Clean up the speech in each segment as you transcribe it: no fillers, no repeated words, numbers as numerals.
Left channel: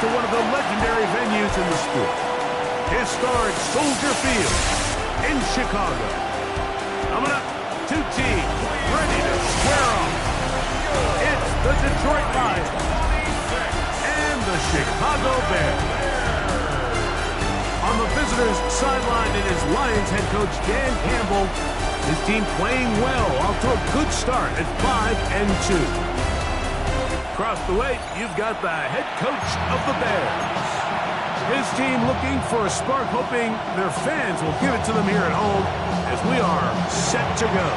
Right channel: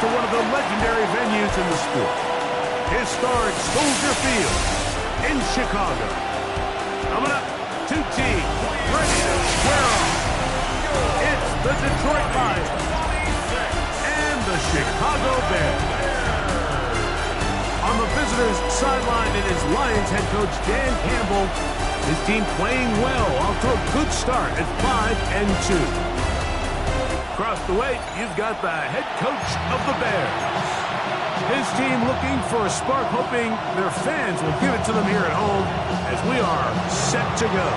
to one of the legendary venues in the sport. Historic Soldier Field in Chicago. Coming up, two teams ready to square off. It's the Detroit Lions and the Chicago Bears. On the visitors' sideline, it is Lions head coach Dan Campbell. His team playing well, off to a good start at 5-2. Across the way, you've got the head coach of the Bears. His team looking for a spark, hoping their fans will give it to them here at home as we are set to go.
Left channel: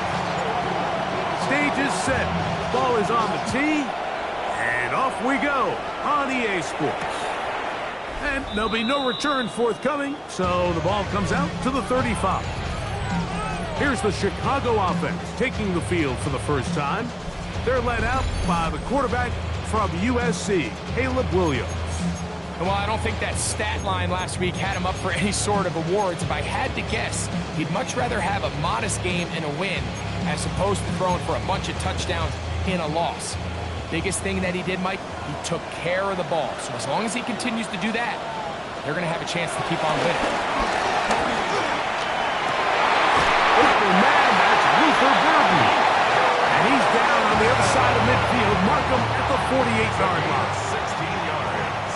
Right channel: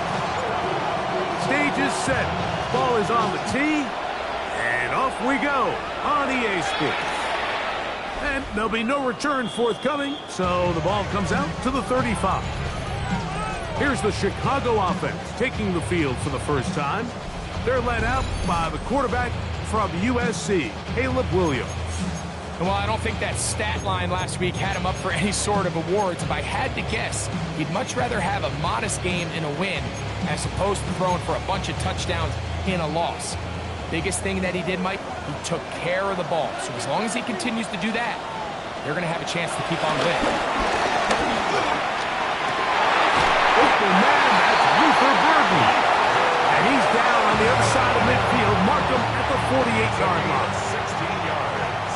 Stage is set. Ball is on the tee. And off we go on EA Sports. And there'll be no return forthcoming, so the ball comes out to the 35. Here's the Chicago offense taking the field for the first time. They're led out by the quarterback from USC, Caleb Williams. Well, I don't think that stat line last week had him up for any sort of awards. If I had to guess, he'd much rather have a modest game and a win as opposed to throwing for a bunch of touchdowns in a loss. Biggest thing that he did, Mike, he took care of the ball. So as long as he continues to do that, they're going to have a chance to keep on winning. Open man, that's Luther Burden. And he's down on the other side of midfield. Mark him at the 48-yard line. 16 yards.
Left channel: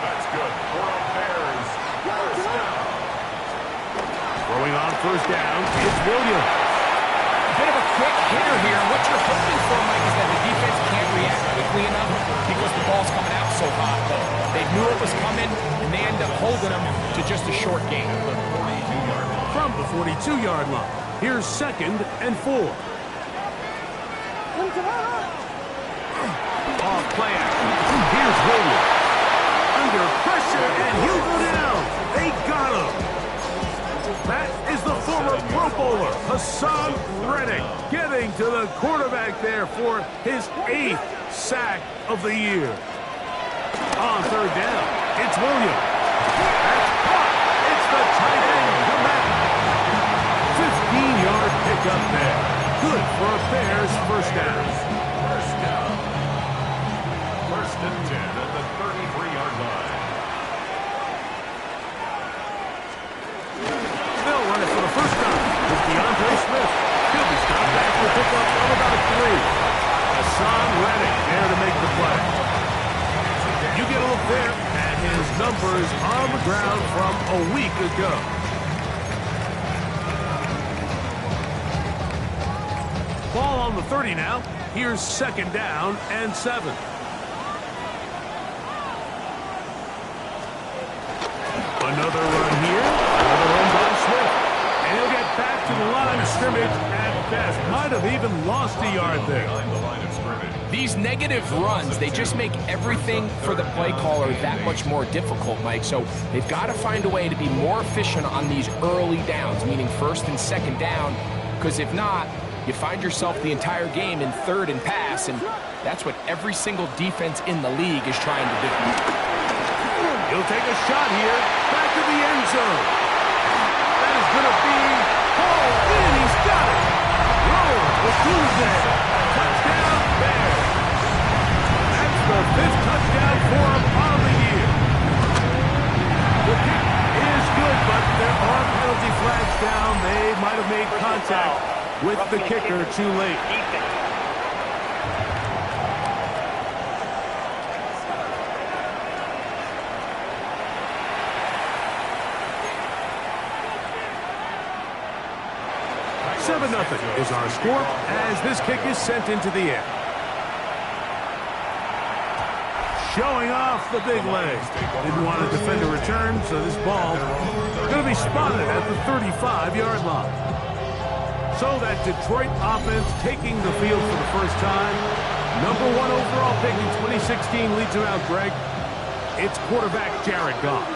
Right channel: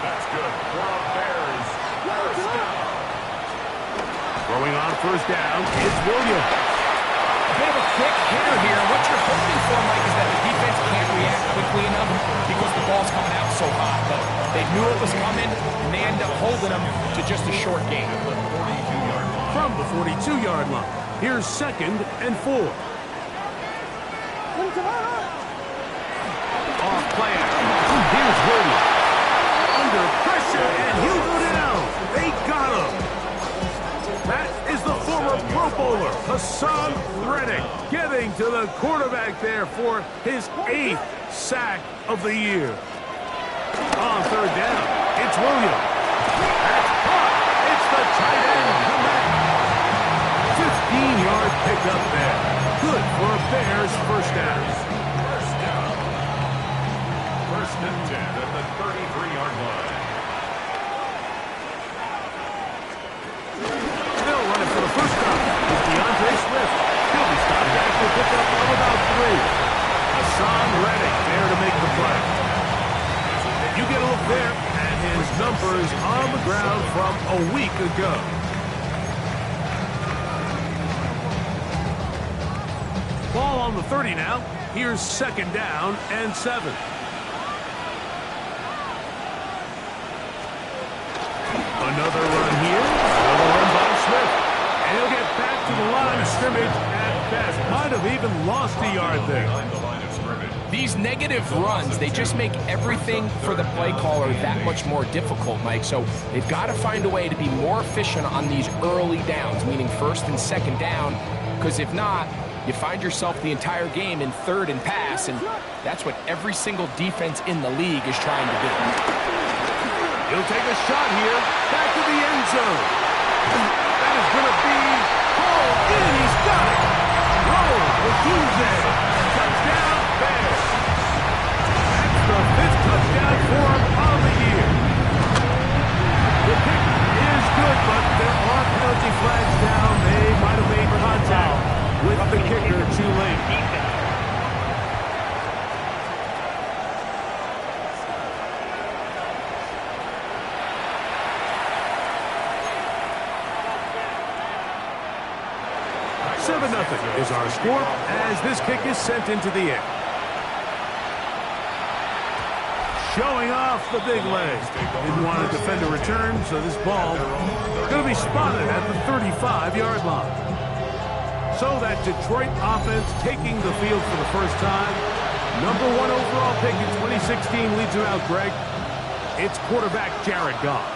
That's good for a Bears first down. Throwing on first down, it's Williams. A bit of a quick hitter here. What you're hoping for, Mike, is that the defense can't react quickly enough because the ball's coming out so hot. But they knew it was coming, and they end up holding them to just a short gain. From the 42-yard line, here's 2nd and 4. Off play action. Here's Williams. Under pressure, and he'll go down. They got him. That is the former Pro Bowler, Hassan Reddick, getting to the quarterback there for his 8th sack of the year. On third down, it's Williams. That's caught. It's the tight end, Komet. 15-yard pickup there. Good for a Bears first down. First down. 1st and 10 at the 33-yard line. They'll run it for the first time. It's DeAndre Swift. He'll be stopped after a pickup of about 3. Hassan Reddick there to make the play. You get a look there at his numbers on the ground from a week ago. Ball on the 30 now. Here's 2nd down and 7. Another run here. Another run by Swift. And he'll get back to the line of scrimmage at best. Might have even lost a yard there. These negative runs, they just make everything for the play caller that much more difficult, Mike. So they've got to find a way to be more efficient on these early downs, meaning 1st and 2nd down, because if not, you find yourself the entire game in 3rd and pass, and that's what every single defense in the league is trying to do. He'll take a shot here, back to the end zone. That is going to be hauled in. He's got it. Roll with Tuesday. Touchdown, Bears. That's the 5th touchdown for him on the year. The kick is good, but there are penalty flags down. They might have made contact with the kicker too late. Nothing is our score as this kick is sent into the air. Showing off the big leg. Didn't want to defend a return, so this ball is going to be spotted at the 35-yard line. So that Detroit offense taking the field for the first time. Number 1 overall pick in 2016 leads her out, Greg. It's quarterback Jared Goff.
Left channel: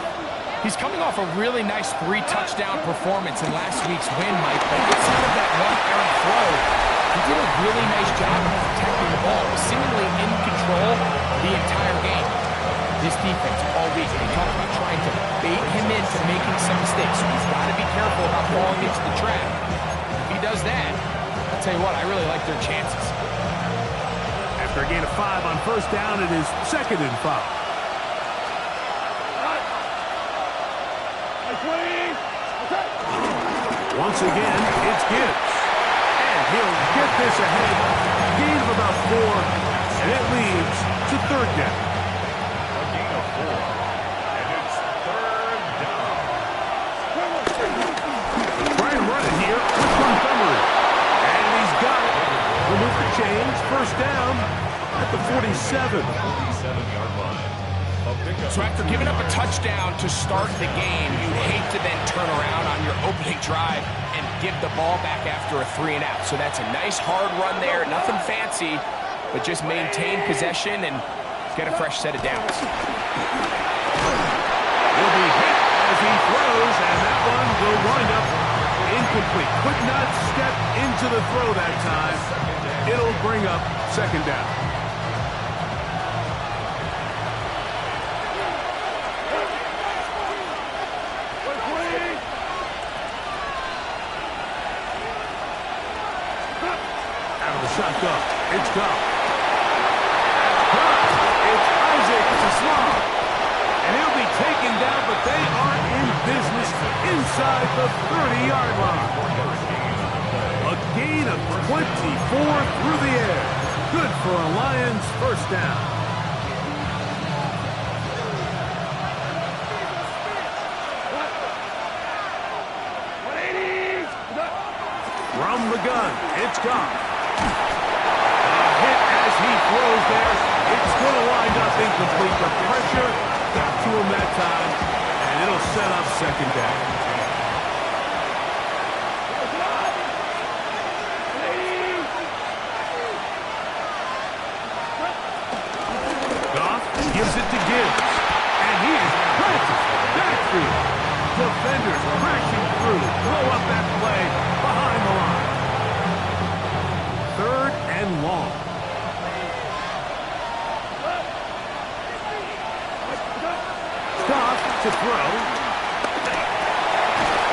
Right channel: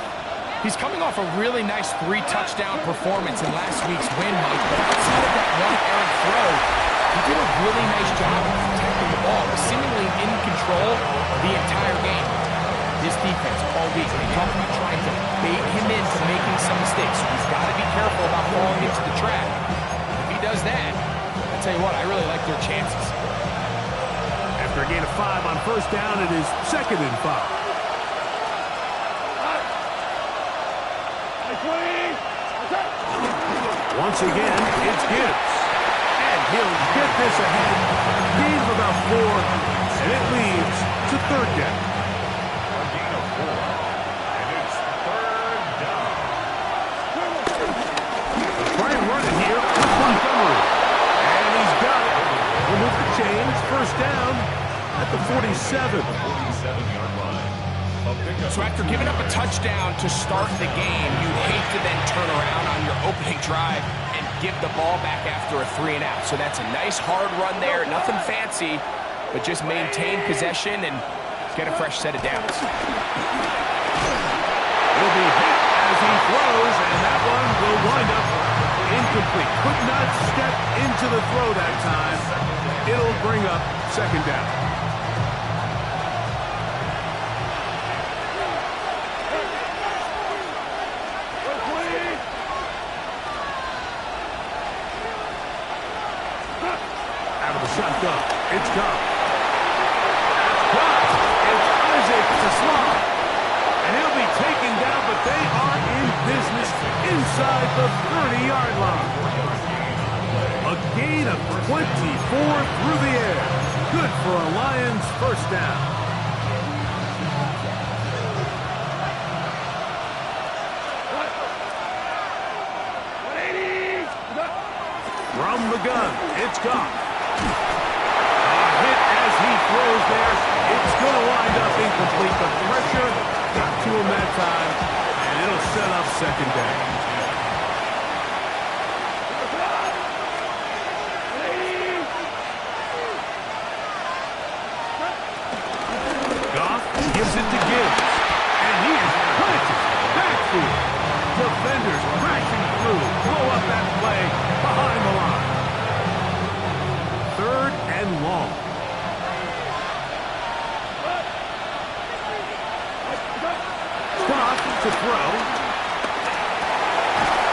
He's coming off a really nice 3-touchdown performance in last week's win, Mike, but outside of that one errant throw, he did a really nice job of protecting the ball, was seemingly in control the entire game. This defense all week, they talk about trying to bait him into making some mistakes, so he's got to be careful about falling into the trap. If he does that, I'll tell you what, I really like their chances. After a gain of 5 on first down, it is 2nd and 5. Once again, it's Gibbs. And he'll get this ahead. Gain of about 4, and it leads to third down. A gain of 4, and it's third down. Try and run it here with Montgomery. And he's got it. Remove the chains. First down at the 47. 47-yard line. So after giving up a touchdown to start the game, you'd hate to then turn around on your opening drive and give the ball back after a 3-and-out. So that's a nice hard run there. Nothing fancy, but just maintain possession and get a fresh set of downs. He'll be hit as he throws, and that one will wind up incomplete. Could not step into the throw that time. It'll bring up second down. Out of the shotgun, it's Goff. That's Goff. It's Isaac to Slav. And he'll be taken down, but they are in business inside the 30-yard line. A gain of 24 through the air. Good for a Lions first down. From the gun, it's Goff. A hit as he throws there. It's going to wind up incomplete, but pressure got to him that time, and it'll set up second down. Goff gives it to Gibbs, and he is planted backfield. Defenders crashing through, blow up that play behind the line. Third and long. Goff to throw.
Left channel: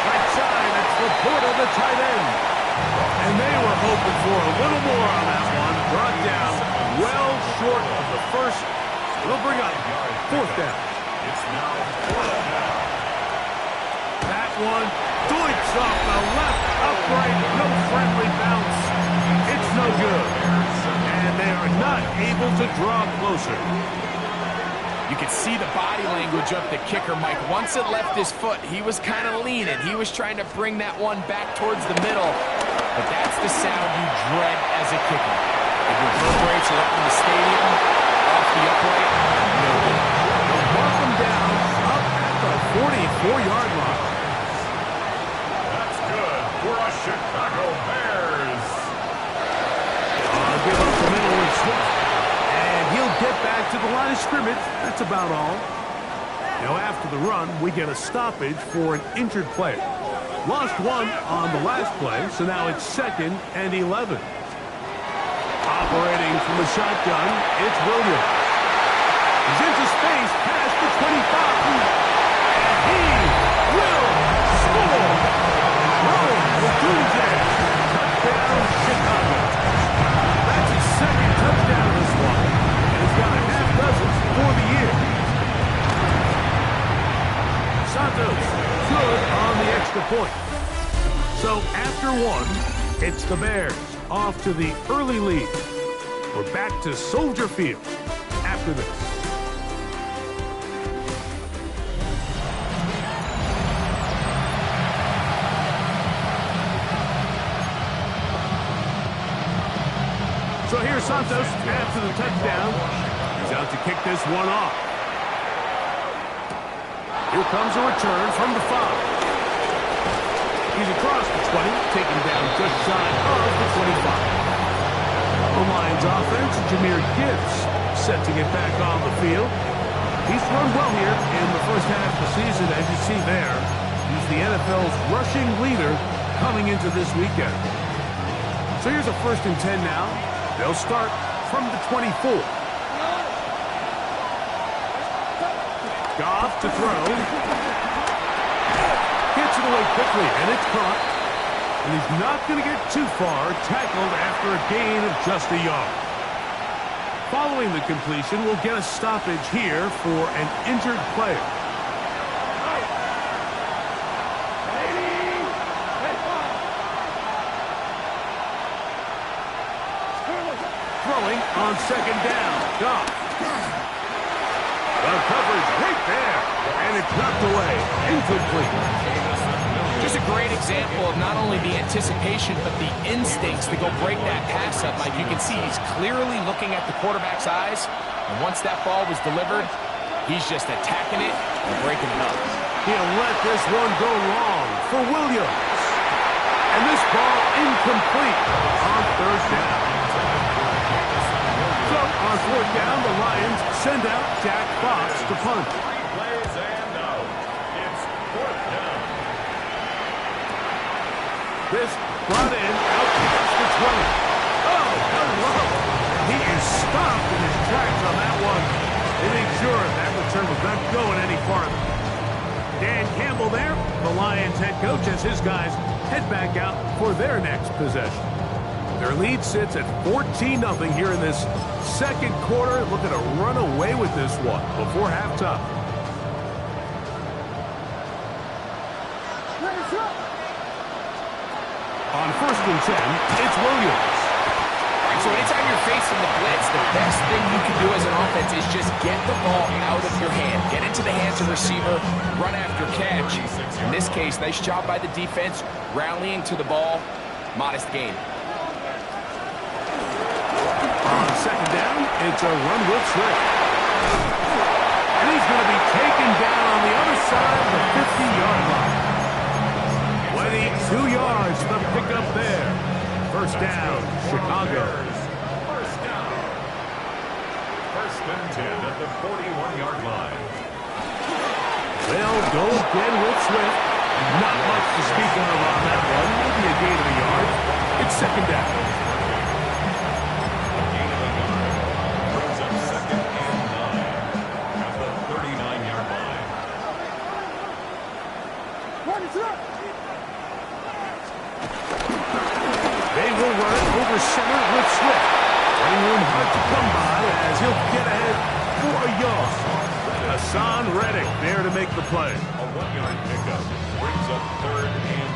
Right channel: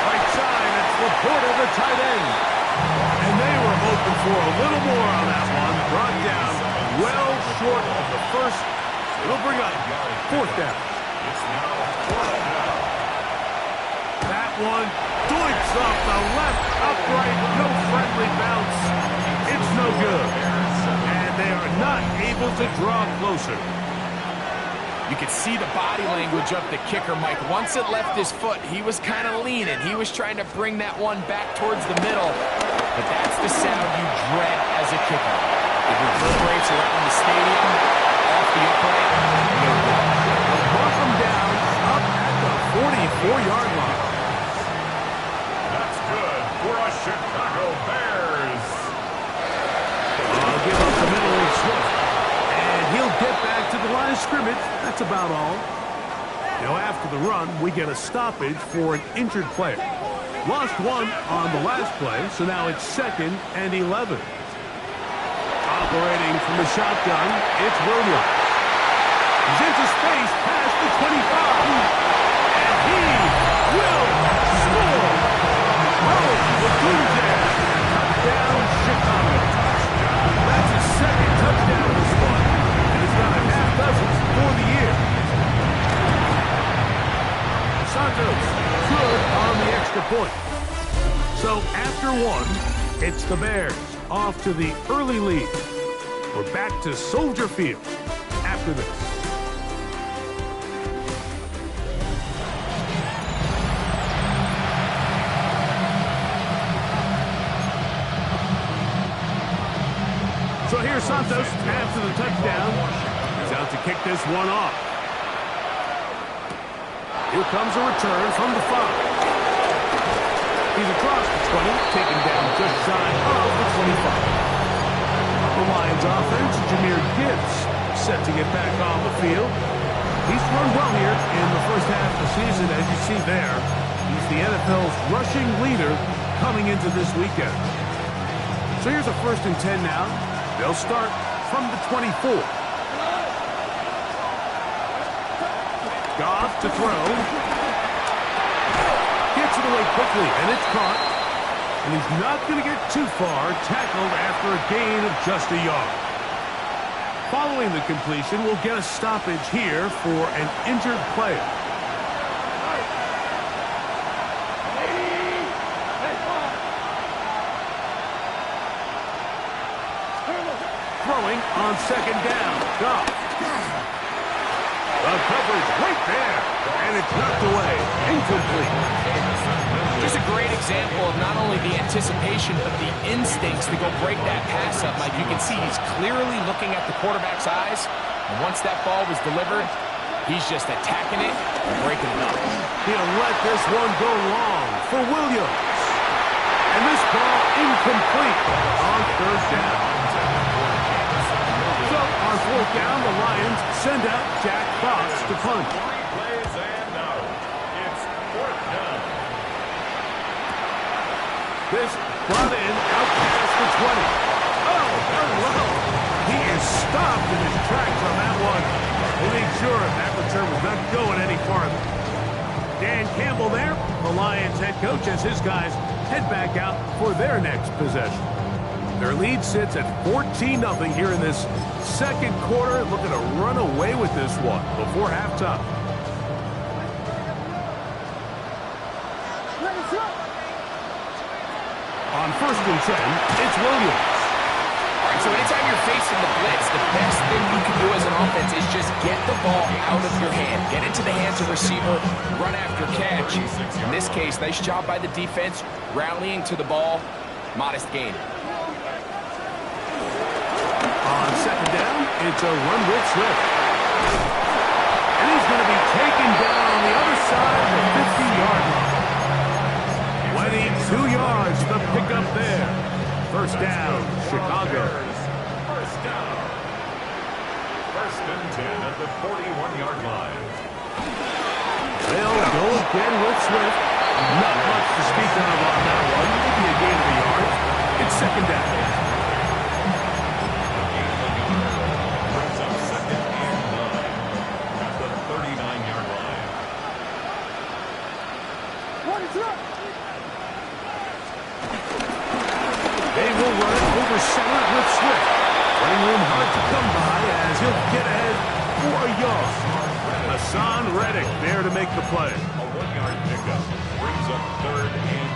Right side, it's Laporta, the tight end. And they were hoping for a little more on that one. Brought down well short of the first. It'll bring up fourth down. It's now fourth down. That one doinks off the left upright. No friendly bounce. It's no good. And they are not able to draw closer. You could see the body language of the kicker, Mike. Once it left his foot, he was kind of leaning. He was trying to bring that one back towards the middle. But that's the sound you dread as a kicker. It reverberates around the stadium, off the upright, no good. They'll mark them down up at the 44-yard line. That's good for a Chicago Bears. I'll give up the middle with Swift. And he'll get back to the line of scrimmage. That's about all. Now, after the run, we get a stoppage for an injured player. Lost one on the last play, so now it's 2nd and 11. Operating from the shotgun, it's Williams. He's into space past the 25. And he will score. Touchdown, Chicago. That's his second touchdown of this one. And he's got a half dozen for the year. Santos, good on the extra point. So after one, it's the Bears off to the early lead. We're back to Soldier Field after this. So here's Santos after the touchdown. He's out to kick this one off. Here comes a return from the 5. He's across the 20, taken down just shy of the 25. The Lions offense, Jahmyr Gibbs, set to get back on the field. He's run well here in the first half of the season, as you see there. He's the NFL's rushing leader coming into this weekend. So here's a 1st and 10 now. They'll start from the 24. Goff to throw. Gets it away quickly, and it's caught. And he's not going to get too far, tackled after a gain of just a yard. Following the completion, we'll get a stoppage here for an injured player. throwing on second down. Goff. The coverage right there, and it's knocked away. Incomplete. Just a great example of not only the anticipation, but the instincts to go break that pass up, Mike. You can see he's clearly looking at the quarterback's eyes, and once that ball was delivered, he's just attacking it and breaking it up. He'll let this one go long for Williams. And this ball incomplete on third down. So on fourth down, the Lions send out Jack Fox to punt. 3 plays and out. It's fourth down. This brought in out past the 20. Oh, hello. He is stopped in his tracks on that one. They made sure that return was not going any farther. Dan Campbell there, the Lions head coach, as his guys head back out for their next possession. Their lead sits at 14-0 here in this second quarter, looking to run away with this one before halftime. On 1st and 10, it's Williams. All right, so anytime you're facing the blitz, the best thing you can do as an offense is just get the ball out of your hand. Get into the hands of receiver, run after catch. In this case, nice job by the defense, rallying to the ball, modest gain. On second down, it's a run with Swift. And he's going to be taken down on the other side of the 50-yard line. 22 yards, the pickup there. First down, Chicago. First down. 1st and 10 at the 41-yard line. They'll go again with Swift. Not much to speak of on that one. Maybe a gain of a yard. It's second down. A gain of a yard brings up 2nd and 9 at the 39-yard line. They will run it over center with Swift. Running room hard to come by as he'll get ahead for a yard. Hassan Reddick there to make the play. A 1-yard pickup brings up 3rd and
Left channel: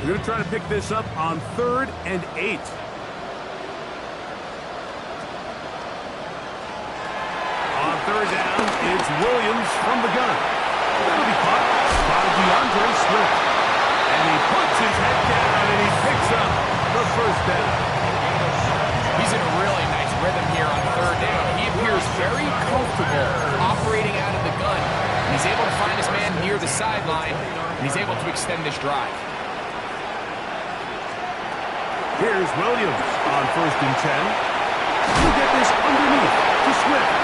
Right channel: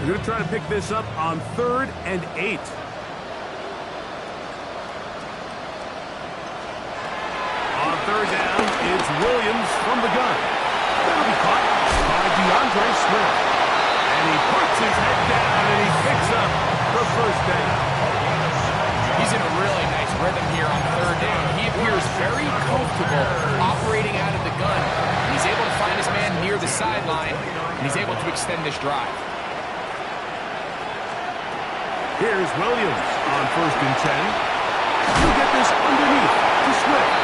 8. We're going to try to pick this up on 3rd and 8. On 3rd down, it's Williams from the gun. That'll be caught by DeAndre Swift. And he puts his head down and he picks up the first down. He's in a really nice rhythm here on 3rd down. He appears very comfortable operating out of the gun. And he's able to find his man near the sideline, and he's able to extend this drive. Here's Williams on 1st and 10. He'll get this underneath to Swift.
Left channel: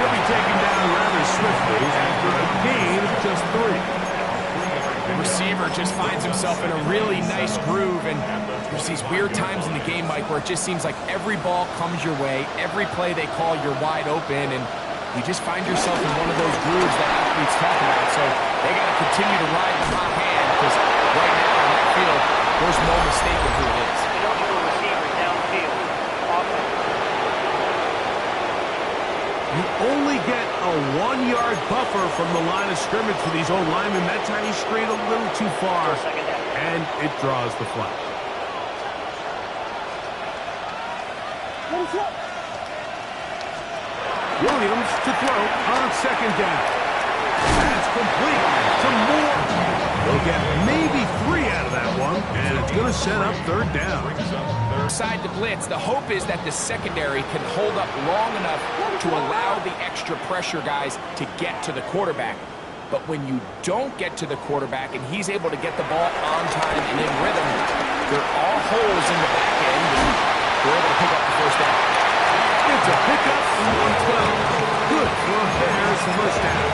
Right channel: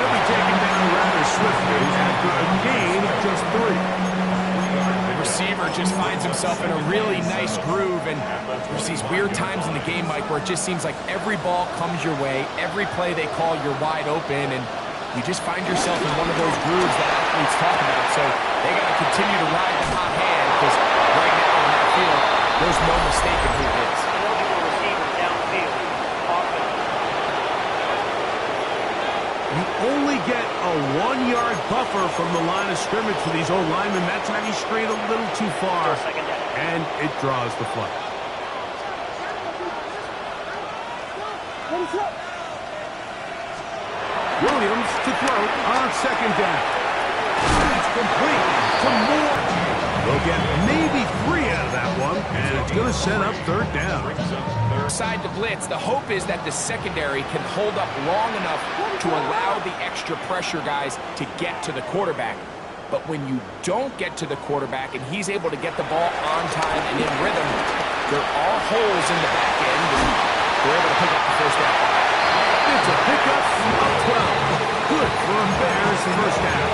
He'll be taken down rather swiftly after a gain of just 3. The receiver just finds himself in a really nice groove, and there's these weird times in the game, Mike, where it just seems like every ball comes your way, every play they call, you're wide open, and you just find yourself in one of those grooves that athletes talk about. So they got to continue to ride the hot hand, because right now on that field, there's no mistaking who it is. Eligible receiver downfield. Offense. You only get a 1-yard buffer from the line of scrimmage for these old linemen. That time he strayed a little too far, and it draws the flag. Williams to throw on 2nd down. That's complete to Moore. They'll get maybe 3 out of that one, and it's going to set up 3rd down. Side to blitz, the hope is that the secondary can hold up long enough to allow the extra pressure guys to get to the quarterback. But when you don't get to the quarterback and he's able to get the ball on time and in rhythm, there are holes in the back end, and they're able to pick up the first down. It's a pickup of 12. Good for a Bears first down.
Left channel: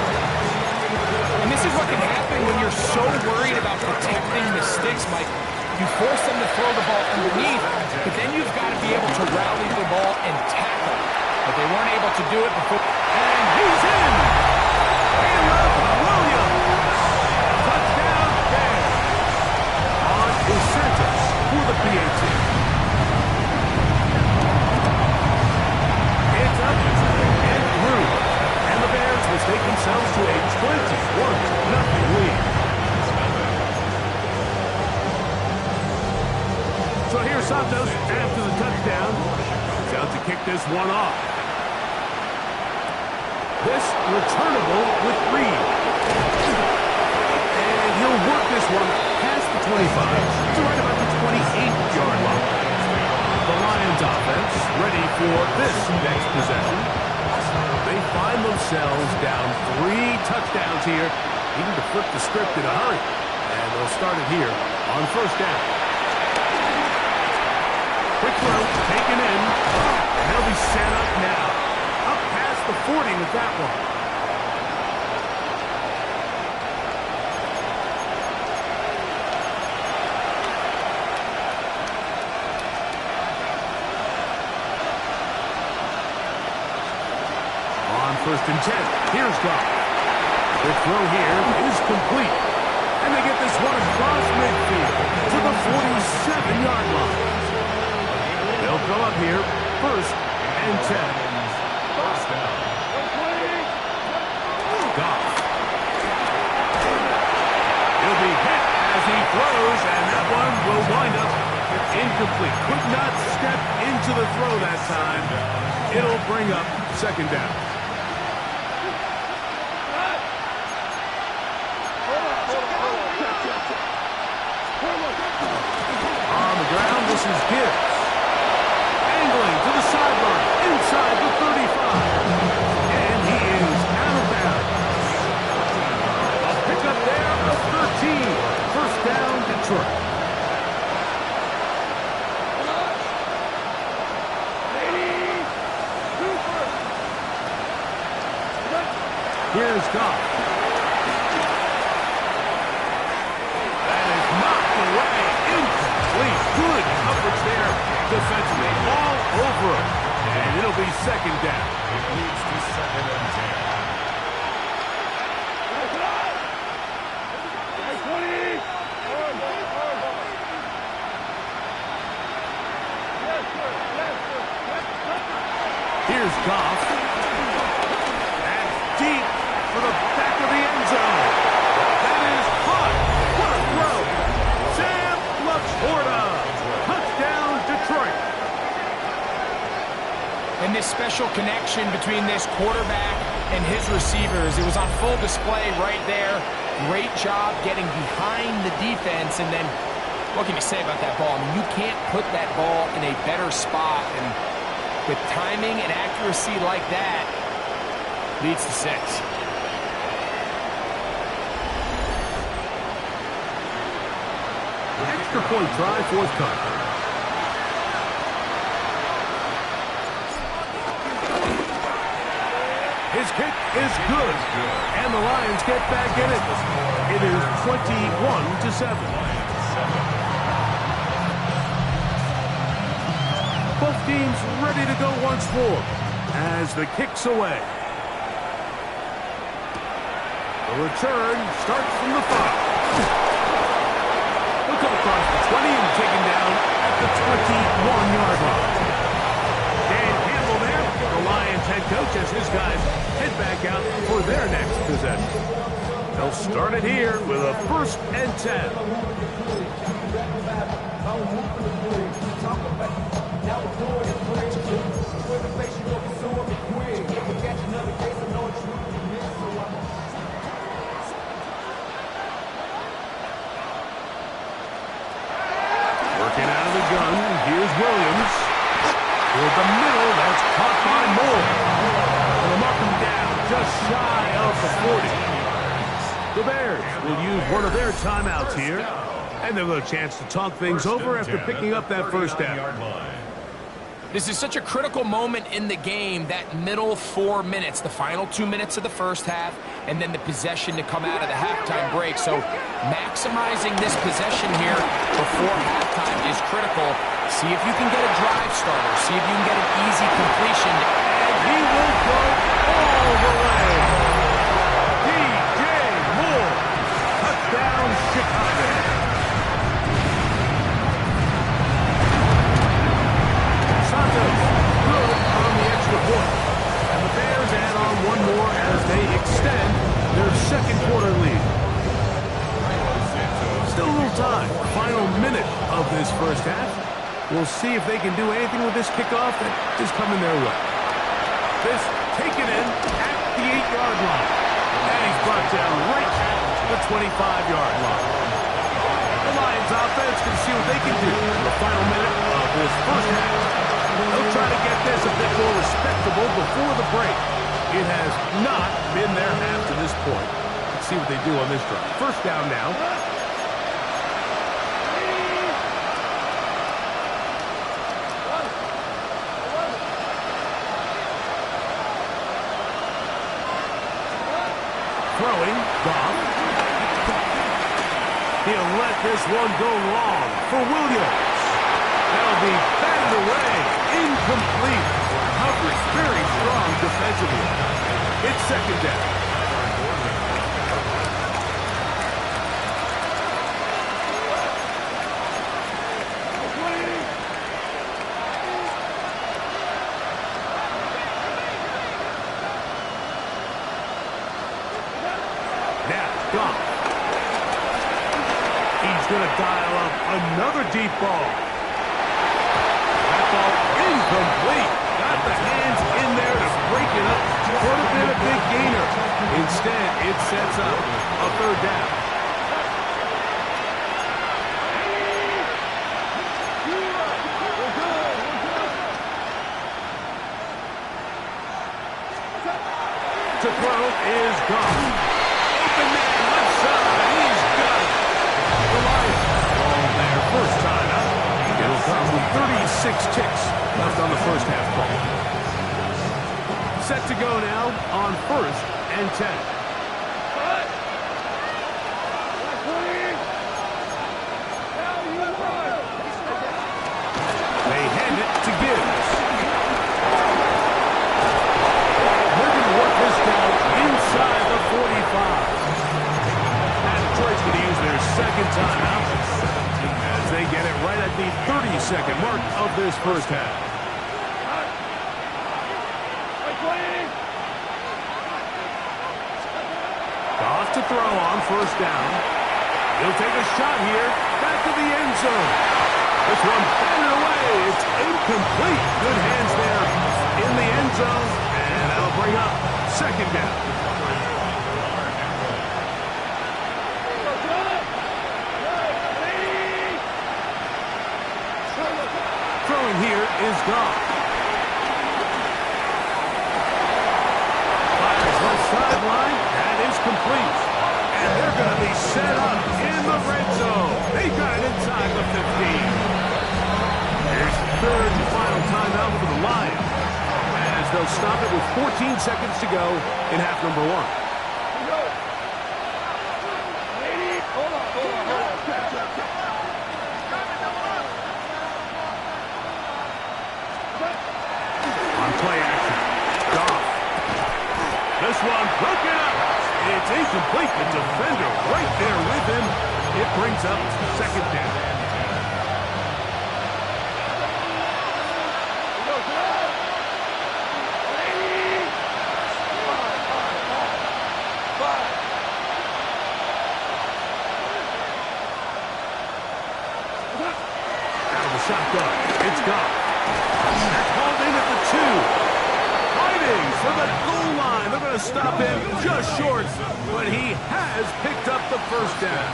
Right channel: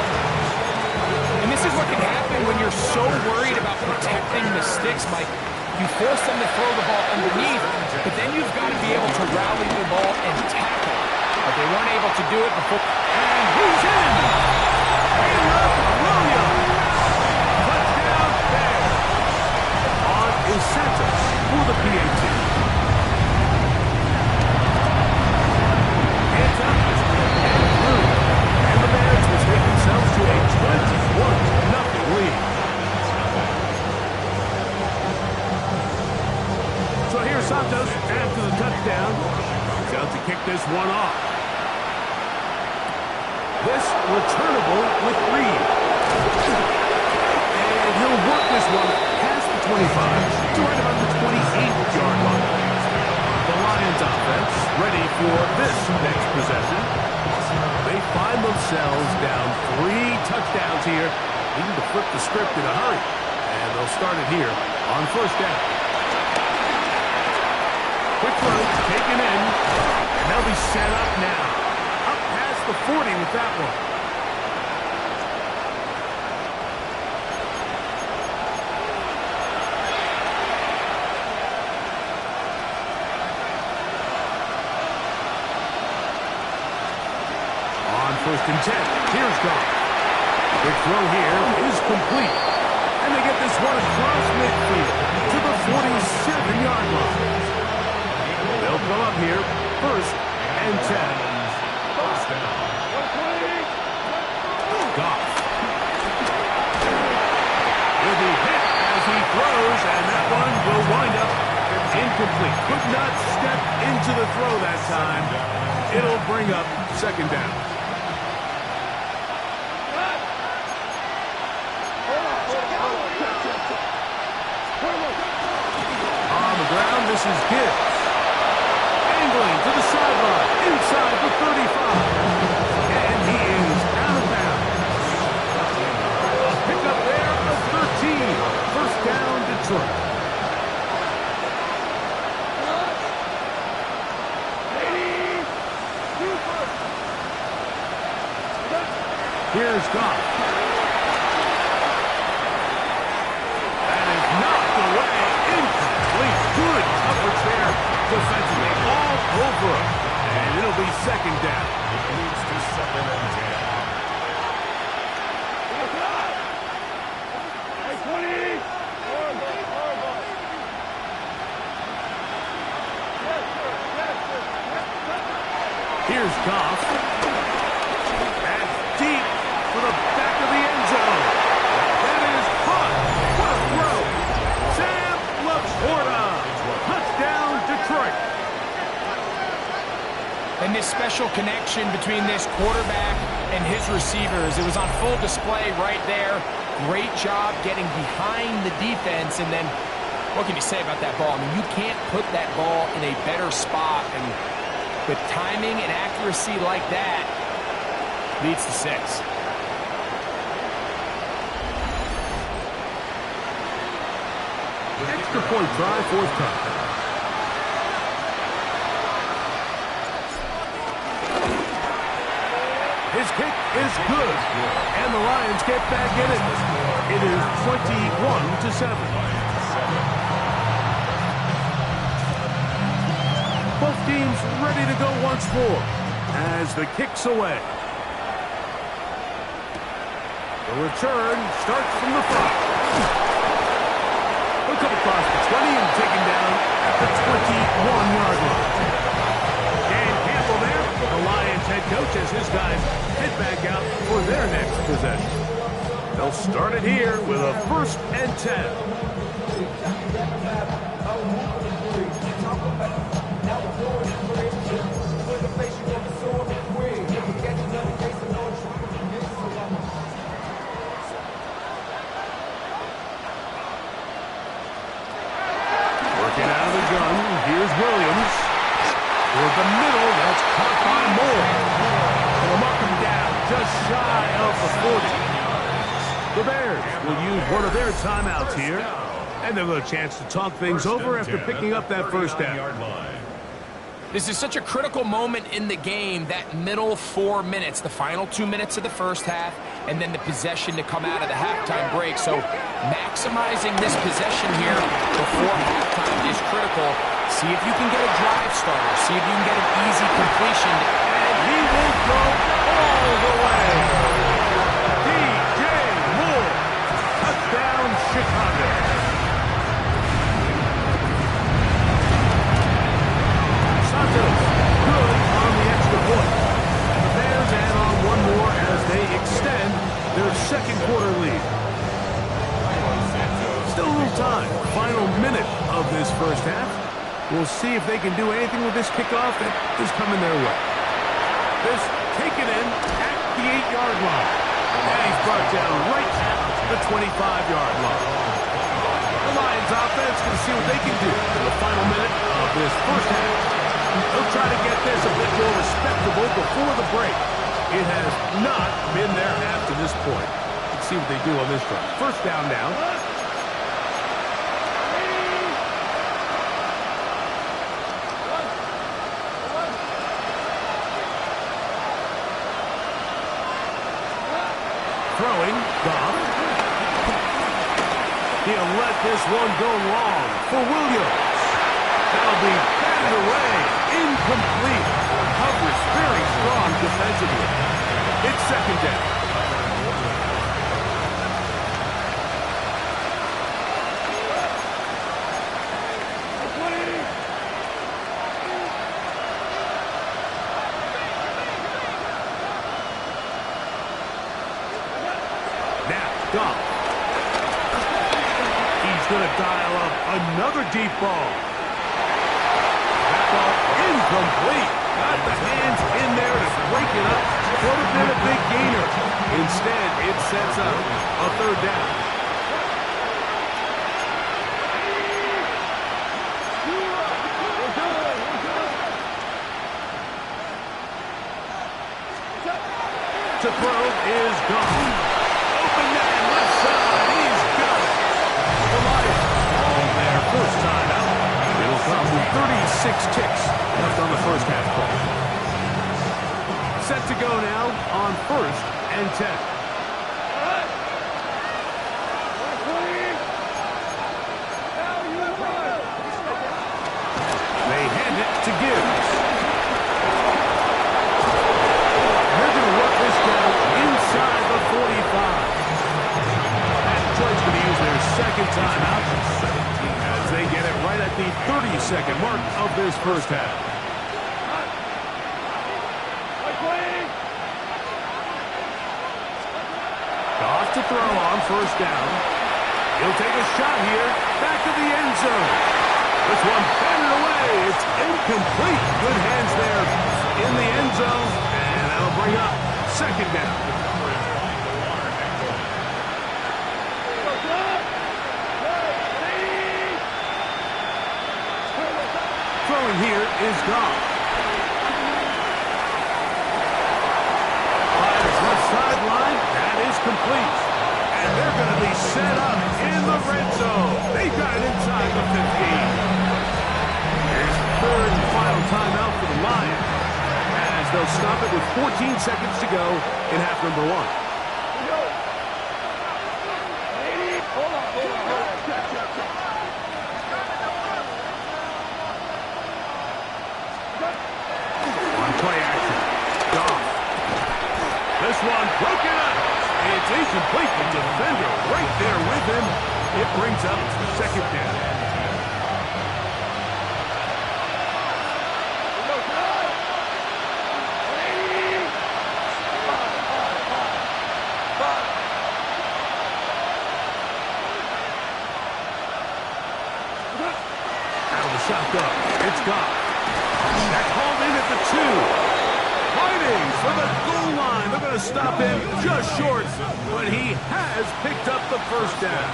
And this is what can happen when you're so worried about protecting the sticks, Mike. You force them to throw the ball underneath, but then you've got to be able to rally the ball and tackle. But they weren't able to do it before. And he's in! Caleb Williams! Touchdown Bears! On is Santos for the PAT. It's up and through. And the Bears will take themselves to a 21-0 lead. So So here's Santos after the touchdown. He's out to kick this one off. This returnable with Reed. And he'll work this one past the 25 to right about the 28-yard line. The Lions offense ready for this next possession. They find themselves down 3 touchdowns here, needing to flip the script in a hurry. And they'll start it here on first down. Quick throw, taken in, and they'll be set up now. Up past the 40 with that one. On first and 10, here's Goff. Quick throw here is complete. And they get this one across midfield to the 47-yard line. They'll go up here, first and 10. First down. Goff. He'll be hit as he throws, and that one will wind up incomplete. Could not step into the throw that time. It'll bring up second down. On the ground, this is Gibbs. Angling to the sideline, inside the 35. And he is out of bounds. A pickup there of 13. First down, Detroit. Here's Goff. That is knocked away. Incomplete. Good coverage there defensively. All over him. And it'll be second down. It leads to second and 10. Here's Goff. That's deep for the back of the end zone. That is caught. What a throw. Sam Laporta. Touchdown, Detroit. And this special connection between this quarterback and his receivers, it was on full display right there. Great job getting behind the defense. And then, what can you say about that ball? I mean, you can't put that ball in a better spot. And with timing and accuracy like that, leads to 6. Extra point try, forthcoming. His kick is good, and the Lions get back in it. It is 21-7. Both teams ready to go once more as the kick's away. The return starts from the 5. He'll come across the 20 and taken down at the 21-yard line. Dan Campbell there, the Lions head coach, as his guys head back out for their next possession. They'll start it here with a first and 10. Working out of the gun, here's Williams. Toward the middle, that's caught by Moore. They'll mark him down just shy of the 40. The Bears will use one of their timeouts here. And they'll have a chance to talk things over after picking up that first down. This is such a critical moment in the game, that middle 4 minutes, the final 2 minutes of the first half, and then the possession to come out of the halftime break. So maximizing this possession here before halftime is critical. See if you can get a drive starter. See if you can get an easy completion. And he will go all the way. DJ Moore. Touchdown, Chicago. Santos, good on the extra point. And the Bears add on one more as they extend their second quarter lead. Still a little time. Final minute of this first half. We'll see if they can do anything with this kickoff that is coming their way. This taken in at the 8-yard line. And he's brought down right at the 25-yard line. The Lions offense can see what they can do in the final minute of this first half. They'll try to get this a bit more respectable before the break. It has not been their half to this point. Let's see what they do on this drive. First down now. Throwing, Goff. He'll let this one go long for Williams. That'll be batted away. Incomplete. Coverage very strong defensively. It's second down. Now, Goff. He's going to dial up another deep ball. That ball incomplete. Got the hands in there to break it up. Could have been a big gainer. Instead, it sets up a third down. To throw is gone. Open man, left side. He's got it. The Lions on their first time out. It'll come with 36 ticks left on the first half play. Set to go now on 1st and 10. They hand it to Gibbs. And they're going to work this down inside the 45. Detroit's going to use their second timeout as they get it right at the 30-second mark of this first half. Goff to throw on first down. He'll take a shot here. Back to the end zone. This one batted away. It's incomplete. Good hands there in the end zone. And that'll bring up second down. Throwing here is Goff. Fires left sideline. That is complete. And they're going to be set up in the red zone. They got it inside the 15. Here's the third and final timeout for the Lions, as they'll stop it with 14 seconds to go in half number 1. On play action, Goff. This one broken up. It's incomplete. The defender right there with him. It brings up second down. Out of the shotgun, it's Goff. That called in at the 2. Fighting for the goal line. They're going to stop him just short, but he has picked up the first down.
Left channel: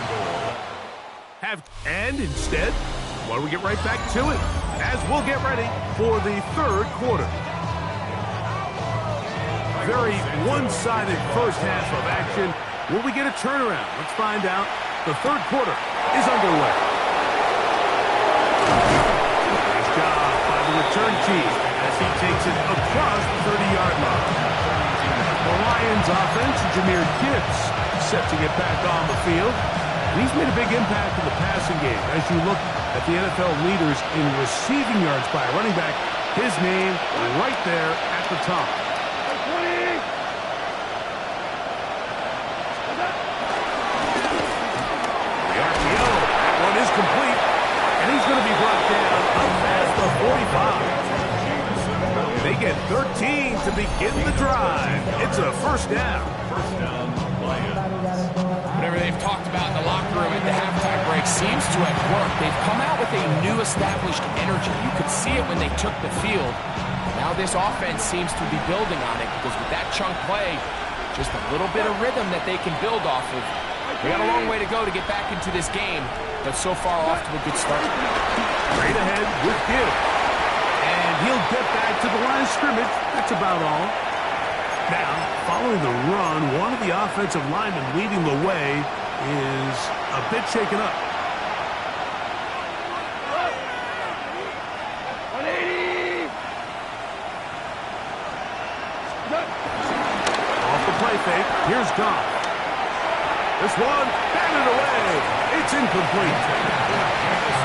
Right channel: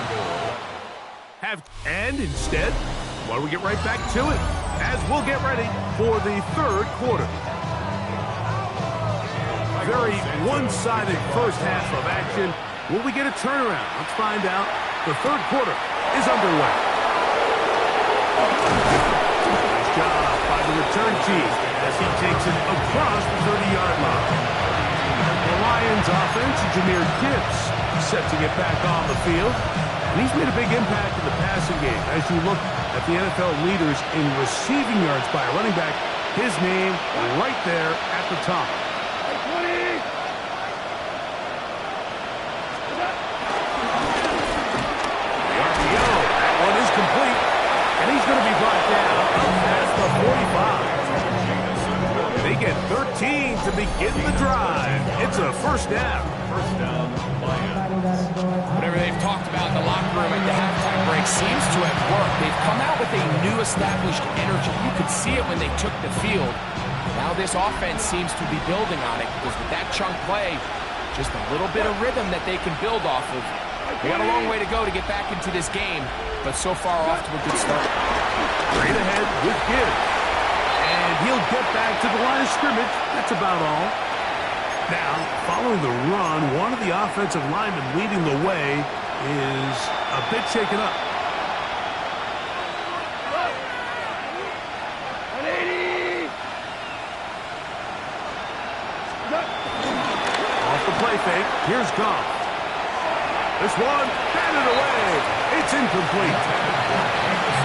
And instead, why don't we get right back to it as we'll get ready for the third quarter. Very one-sided first half of action. Will we get a turnaround? Let's find out. The third quarter is underway. Nice job by the return team as he takes it across the 30-yard line. The Lions offense, Jahmyr Gibbs, set to get back on the field. And he's made a big impact in the passing game. As you look at the NFL leaders in receiving yards by a running back, his name right there at the top. The RPO, that one is complete. And he's going to be brought down up past the 45. They get 13 to begin the drive. It's a first down. First down, Lions. Whatever they've talked about in the locker room at the halftime break seems to have worked. They've come out with a new established energy. You could see it when they took the field. Now this offense seems to be building on it because with that chunk play, just a little bit of rhythm that they can build off of. They got a long way to go to get back into this game, but so far off to a good start. Straight ahead with Gibbs. And he'll get back to the line of scrimmage. That's about all. Now, following the run, one of the offensive linemen leading the way is a bit shaken up. 180. Off the play fake, here's Goff. This one, batted away. It's incomplete.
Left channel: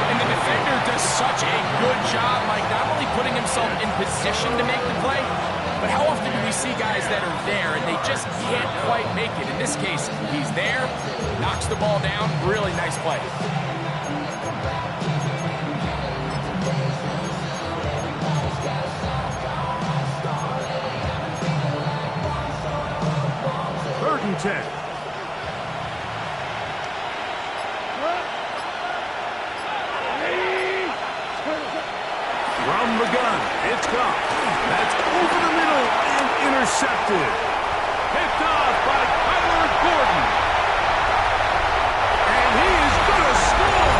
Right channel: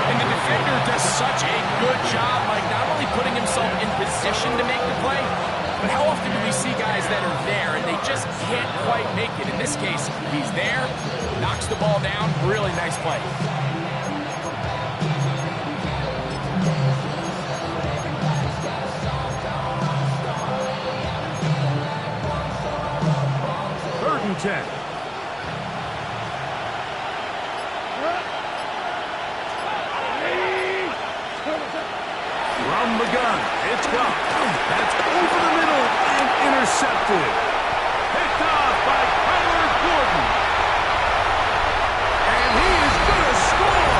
And the defender does such a good job, Mike, not only putting himself in position to make the play, but how often do we see guys that are there and they just can't quite make it? In this case, he's there, knocks the ball down, really nice play. Third and 10. From the gun, it's Goff. That's over the middle and intercepted. Picked off by Kyler Gordon. And he is going to score.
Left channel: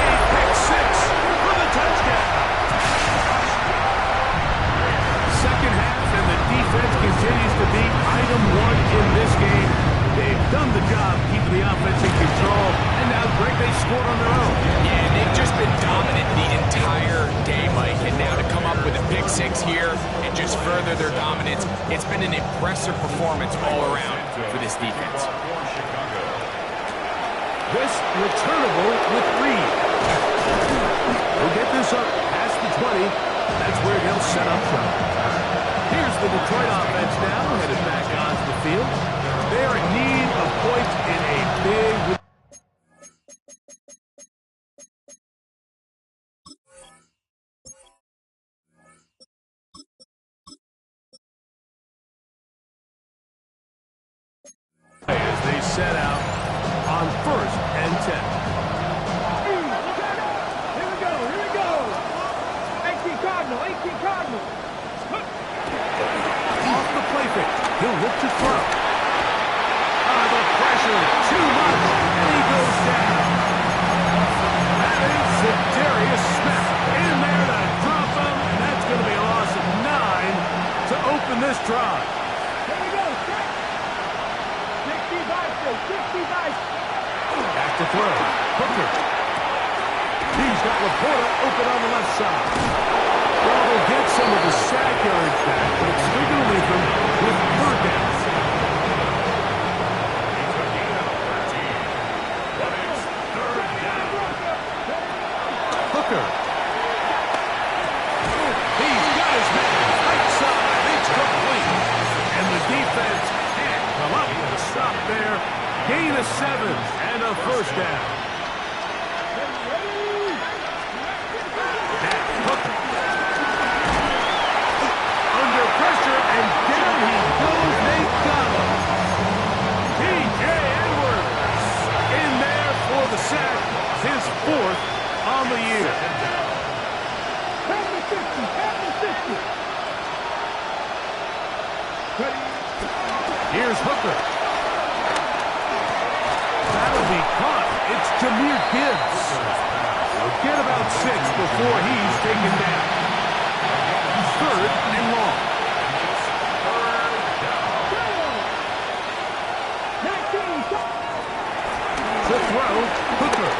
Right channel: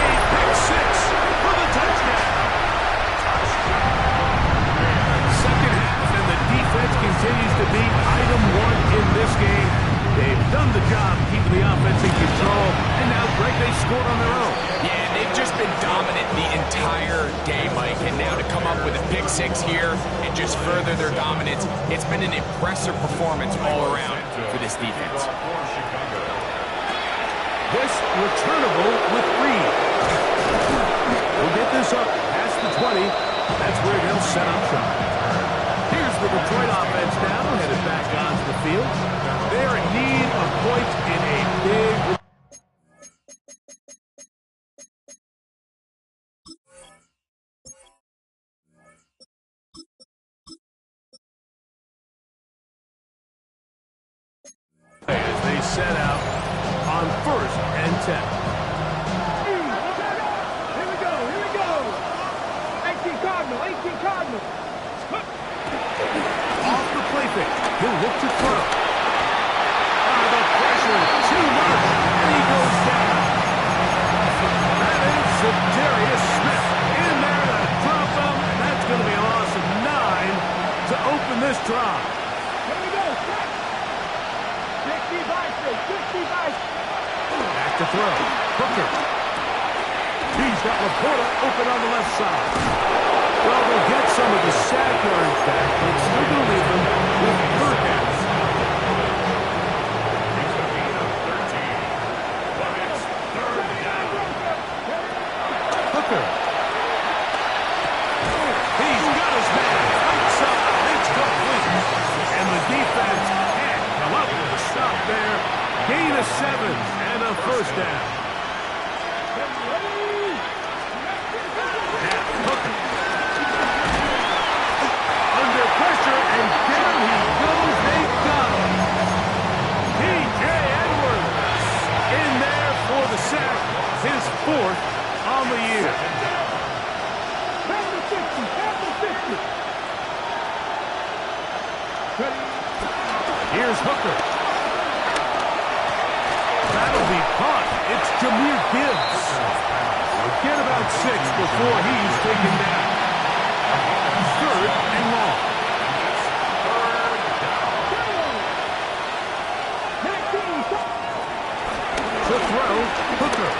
A pick six for the touchdown. Second half, and the defense continues to be item one in this game. They've done the job keeping the offense in control, and now, Greg, they scored on their own. Yeah, they've just been dominant the entire day, Mike, and now to come up with a pick six here and just further their dominance, it's been an impressive performance all around for this defense. This returnable with Reed. We'll get this up past the 20. That's where they'll set up shop. Here's the Detroit offense now, headed back onto the field. They're in need of points in a big... as they set out on 1st and 10. Here we go, here we go. 18 Cardinal, 18 Cardinal. Off the play fake, he'll look to throw. The pressure, too much, and he goes down. That is Za'Darius Smith in there to drop him, and that's going to be a loss of 9 to open this drive. Here we go, check. 60 biceps, 60 biceps. Back to throw. Hooker. He's got Laporta open on the left side. Well, they'll get some of the sack yards back, but it's still going to leave them with third down. It's a gain of 13. But it's third down. Hooker. He's got his man. Right side. It's complete. And the defense can't come up with a stop there. Gain of 7 and a first down. Now, Hooker. Under pressure, and down he goes. They got him. T.J. Edwards in there for the sack. His 4th on the year. Pound the 50, pound the 50. Here's Hooker. That'll be caught. It's Jahmyr Gibbs. We'll get about 6 before he's taken down. 3rd and long. To throw, Hooker.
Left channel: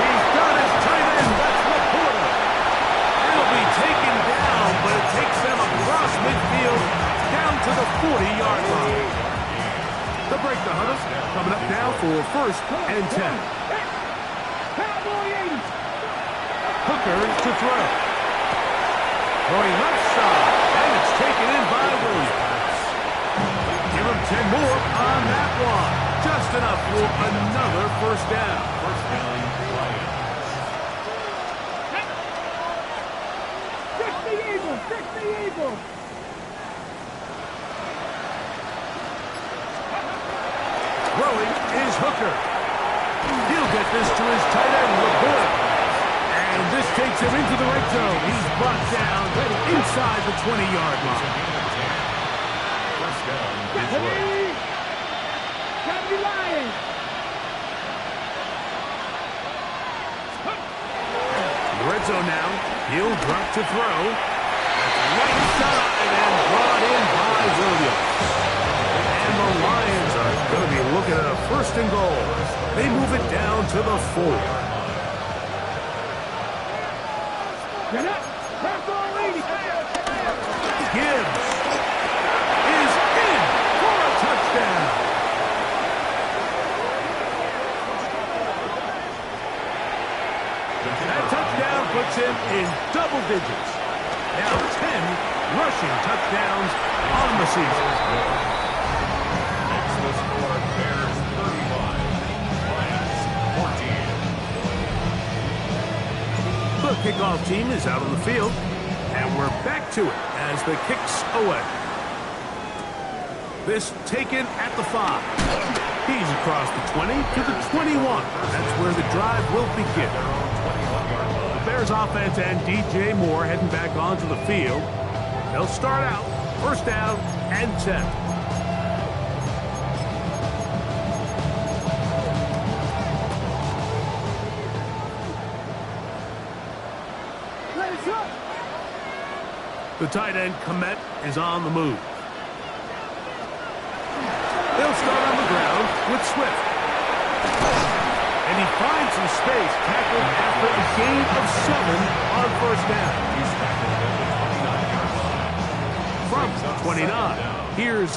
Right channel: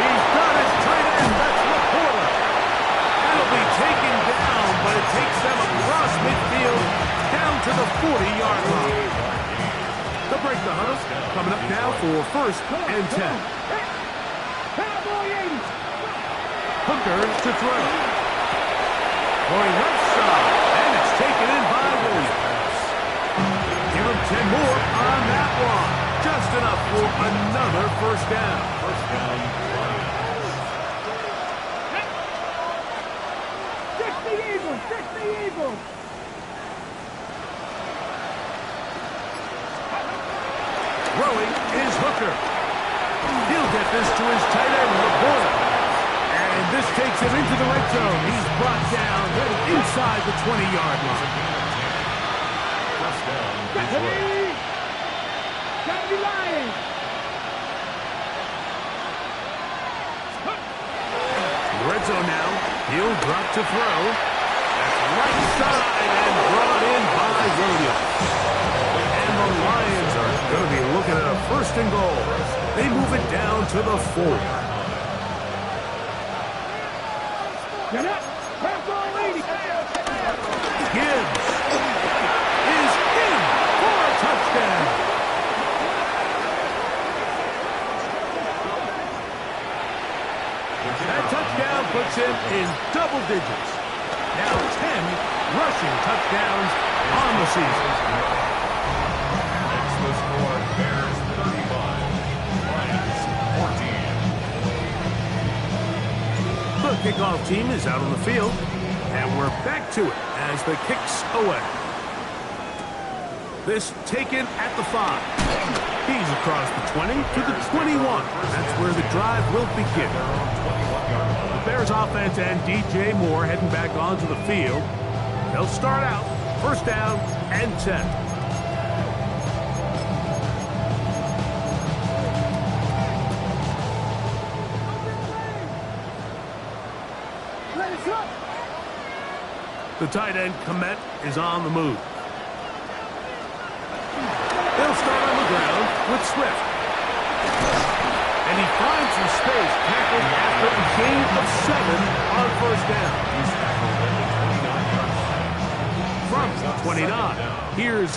He's got his tight end. That's Laporta. It'll be taken down, but it takes them across midfield down to the 40-yard line. The break the Hunters coming up now for 1st and 10. Cowboy 80. Hooker to throw. Going left side, and it's taken in by Williams. Give him 10 more on that one. Just enough for another first down. First down, Lions. 60 eagle! Fix the eagle! Throwing is Hooker. He'll get this to his tight end, LeBoy. And this takes him into the red zone. He's brought down inside the 20-yard line. First down, Detroit. Got the Lions! The red zone now. He'll drop to throw. That's right side and brought in by Williams. And the Lions are going to be looking at a first and goal. They move it down to the 4. Get up! Pass on, lady! Gibbs is in for a touchdown. That touchdown puts him in double digits. Now 10 rushing touchdowns on the season. Makes the score Bears 35, Lions 14. The kickoff team is out on the field, and we're back to it as the kick's away. This taken at the 5. He's across the 20 to the 21. That's where the drive will begin. Their own 21-yard line. The Bears offense and DJ Moore heading back onto the field. They'll start out first down and 10. Let it go! The tight end, Komet, is on the move. They'll start on the ground with Swift. And he finds some space, tackled after a gain of 7 on first down. He's tackled at the 29-yard line. From 29, here's